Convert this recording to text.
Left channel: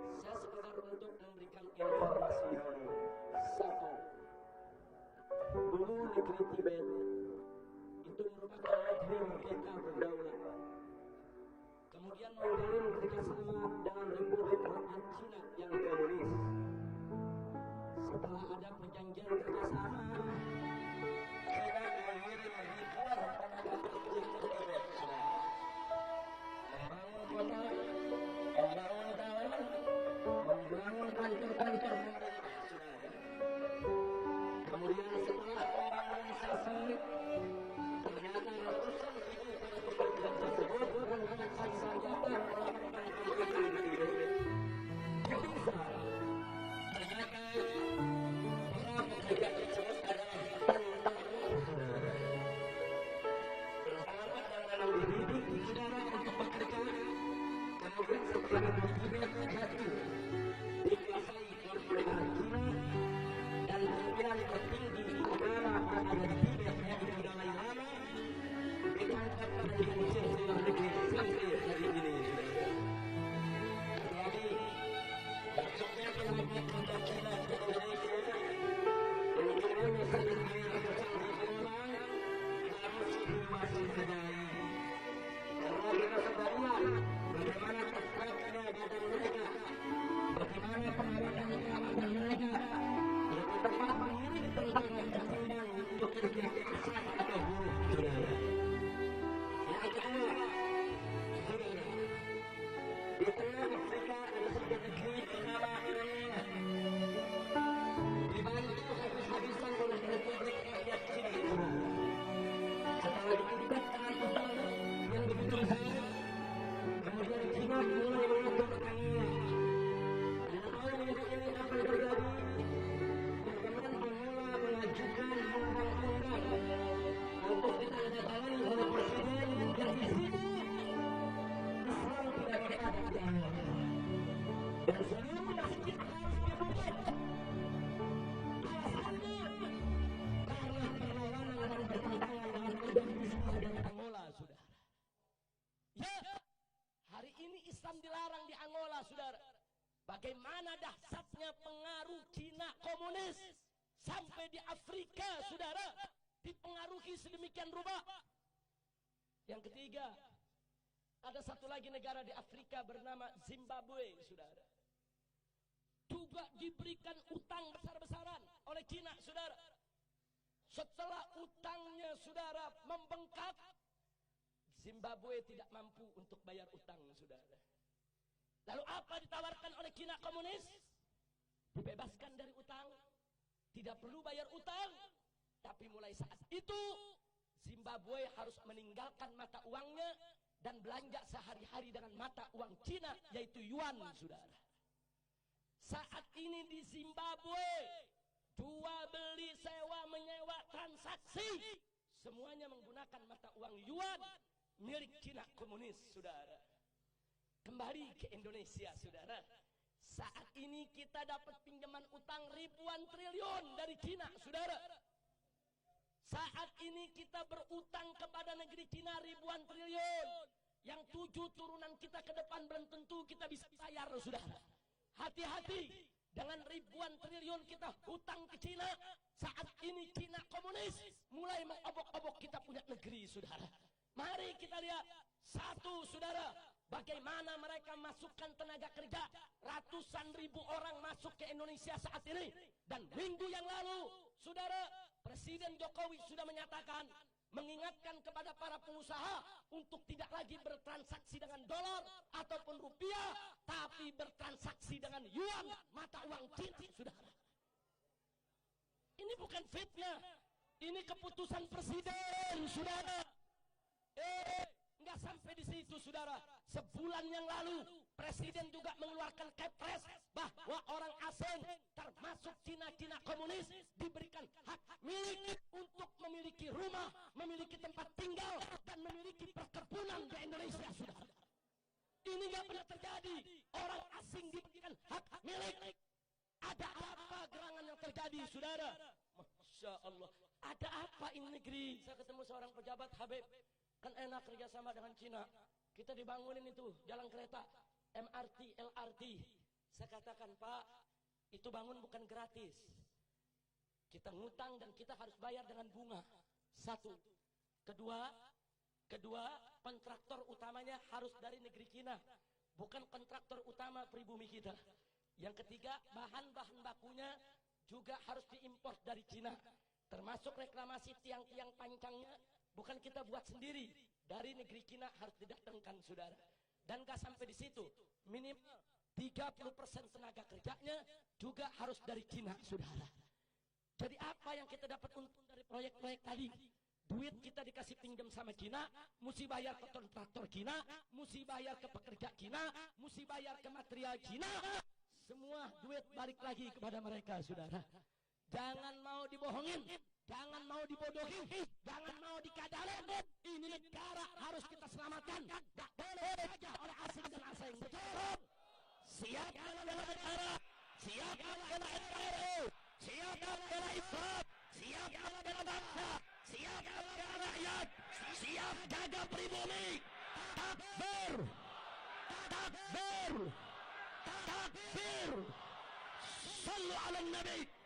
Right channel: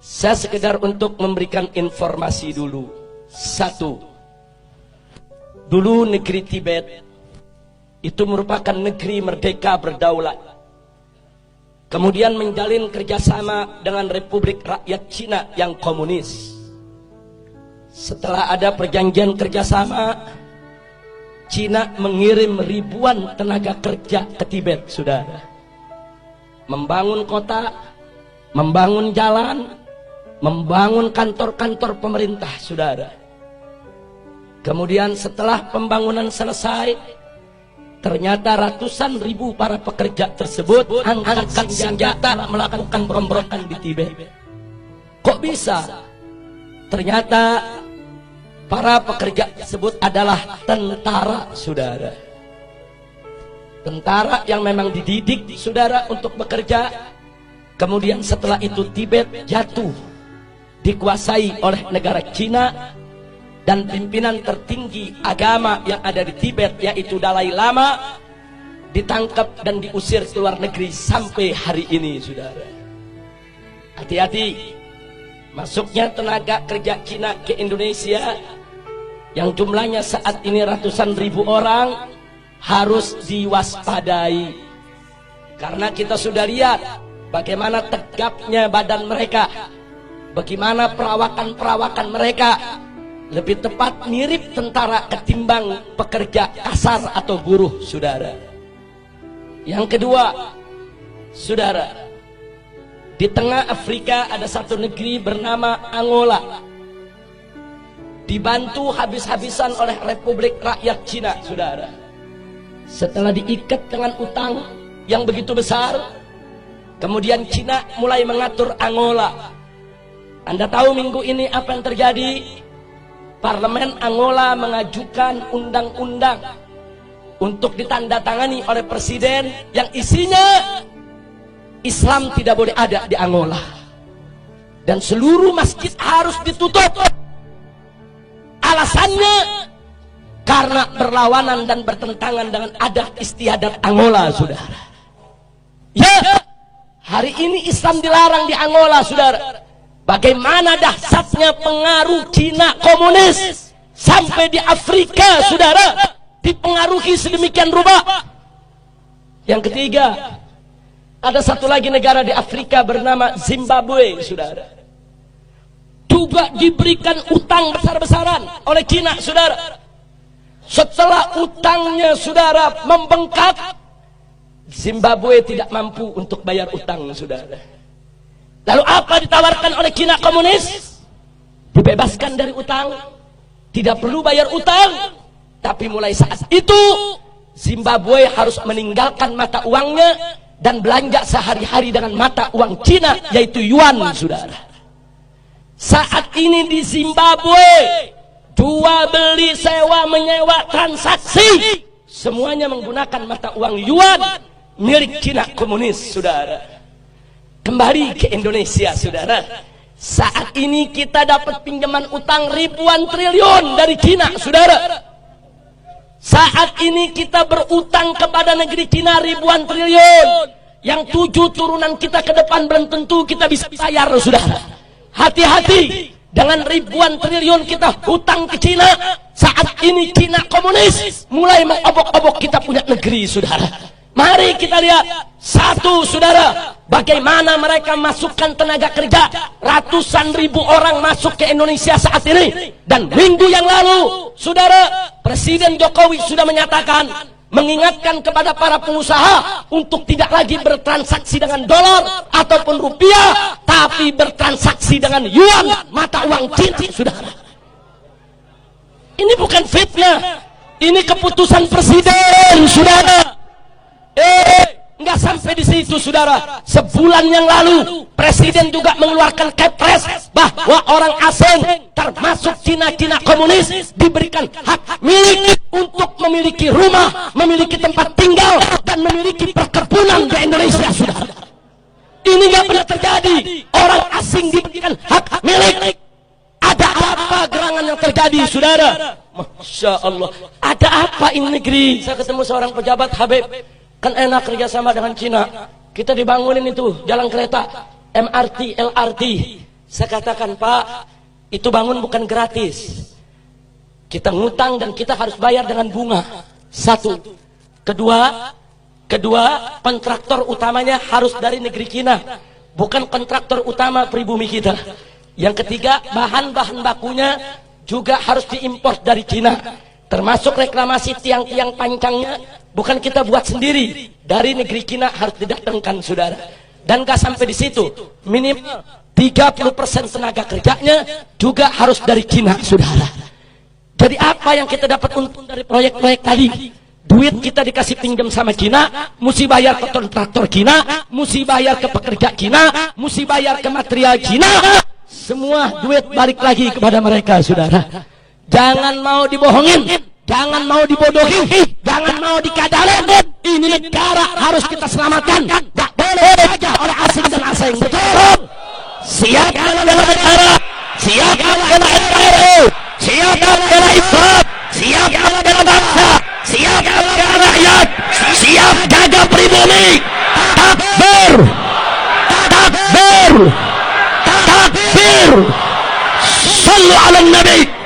Saya sekedar untuk memberikan informasi dulu. Satu, dulu negeri Tibet itu merupakan negeri merdeka berdaulat. Kemudian menjalin kerjasama dengan Republik Rakyat Cina yang komunis. Setelah ada perjanjian kerjasama, Cina mengirim ribuan tenaga kerja ke Tibet, saudara. Membangun kota, membangun jalan, membangun kantor-kantor pemerintah, saudara. Kemudian setelah pembangunan selesai, ternyata ratusan ribu para pekerja tersebut angkat senjata melakukan pemberontakan di Tibet. Kok bisa? Ternyata para pekerja tersebut adalah tentara, saudara. Tentara yang memang dididik, saudara, untuk bekerja. Kemudian setelah itu Tibet jatuh, dikuasai oleh negara Cina. Dan pimpinan tertinggi agama yang ada di Tibet, yaitu Dalai Lama, ditangkap dan diusir ke luar negeri sampai hari ini, saudara. Hati-hati, masuknya tenaga kerja Cina ke Indonesia yang jumlahnya saat ini ratusan ribu orang harus diwaspadai. Karena kita sudah lihat bagaimana tegapnya badan mereka, bagaimana perawakan mereka. Lebih tepat mirip tentara ketimbang pekerja kasar atau buruh, saudara. Yang kedua, saudara, di tengah Afrika ada satu negeri bernama Angola, dibantu habis-habisan oleh Republik Rakyat Cina, saudara. Setelah diikat dengan utang yang begitu besar, kemudian Cina mulai mengatur Angola. Anda tahu minggu ini apa yang terjadi? Parlemen Angola mengajukan undang-undang untuk ditandatangani oleh presiden yang isinya Islam tidak boleh ada di Angola dan seluruh masjid harus ditutup. Alasannya karena berlawanan dan bertentangan dengan adat istiadat Angola, saudara. Ya, hari ini Islam dilarang di Angola, saudara. Bagaimana dahsyatnya pengaruh Cina komunis sampai di Afrika, saudara, dipengaruhi sedemikian rupa. Yang ketiga, ada satu lagi negara di Afrika bernama Zimbabwe, saudara. Juga diberikan utang besar-besaran oleh Cina, saudara. Setelah utangnya, saudara, membengkak, Zimbabwe tidak mampu untuk bayar utang, saudara. Lalu apa ditawarkan oleh Cina komunis? Dibebaskan dari utang, tidak perlu bayar utang. Tapi mulai saat itu Zimbabwe harus meninggalkan mata uangnya dan belanja sehari-hari dengan mata uang Cina, yaitu yuan, saudara. Saat ini di Zimbabwe, jual beli, sewa menyewa, transaksi semuanya menggunakan mata uang yuan milik Cina komunis, saudara. Kembali ke Indonesia, saudara. Saat ini kita dapat pinjaman utang ribuan triliun dari Cina, saudara. Saat ini kita berutang kepada negeri Cina ribuan triliun, yang 7 turunan kita ke depan belum tentu kita bisa bayar, saudara. Hati-hati dengan ribuan triliun kita hutang ke Cina. Saat ini Cina komunis mulai mengobok-obok kita punya negeri, saudara. Mari kita lihat satu, saudara, bagaimana mereka masukkan tenaga kerja. Ratusan ribu orang masuk ke Indonesia saat ini. Dan minggu yang lalu, saudara, Presiden Jokowi sudah menyatakan, mengingatkan kepada para pengusaha untuk tidak lagi bertransaksi dengan dolar ataupun rupiah, tapi bertransaksi dengan yuan, mata uang Cina, saudara. Ini bukan fitnah, ini keputusan presiden, saudara. Nggak sampai di situ, saudara. Sebulan yang lalu presiden juga mengeluarkan kepres bahwa orang asing termasuk Cina komunis diberikan hak milik untuk memiliki rumah, memiliki tempat tinggal, dan memiliki perkebunan di Indonesia, saudara. Ini nggak pernah terjadi. Orang asing diberikan hak milik. Ada apa gerangan yang terjadi, saudara? Masya Allah. Ada apa ini negeri? Saya ketemu seorang pejabat, Habib. Kan enak kerjasama dengan Cina. Kita dibangunin itu jalan kereta, MRT, LRT. Saya katakan, Pak, itu bangun bukan gratis. Kita ngutang dan kita harus bayar dengan bunga. Satu. Kedua, kontraktor utamanya harus dari negeri Cina, bukan kontraktor utama pribumi kita. Yang ketiga, bahan-bahan bakunya juga harus diimpor dari Cina, termasuk reklamasi tiang-tiang pancangnya bukan kita buat sendiri, dari negeri Cina harus didatangkan, saudara. Dan gak sampai di situ, minimal 30% tenaga kerjanya juga harus dari Cina, saudara. Jadi apa yang kita dapat untung dari proyek-proyek tadi? Duit kita dikasih pinjam sama Cina, mesti bayar ke kontraktor Cina, mesti bayar ke pekerja Cina, mesti bayar ke material Cina. Semua duit balik lagi kepada mereka, saudara. Jangan mau dibohongin, jangan mau dibodohi, jangan mau dikadalin. Ini negara harus kita selamatkan. Tak boleh saja oleh asing dan asing. Betul. Siap bela negara, siap bela NKRI, siap bela Islam, siap bela bangsa, siap bela rakyat, siap jaga pribumi. Takbir, takbir, takbir. Sallu ala Nabi.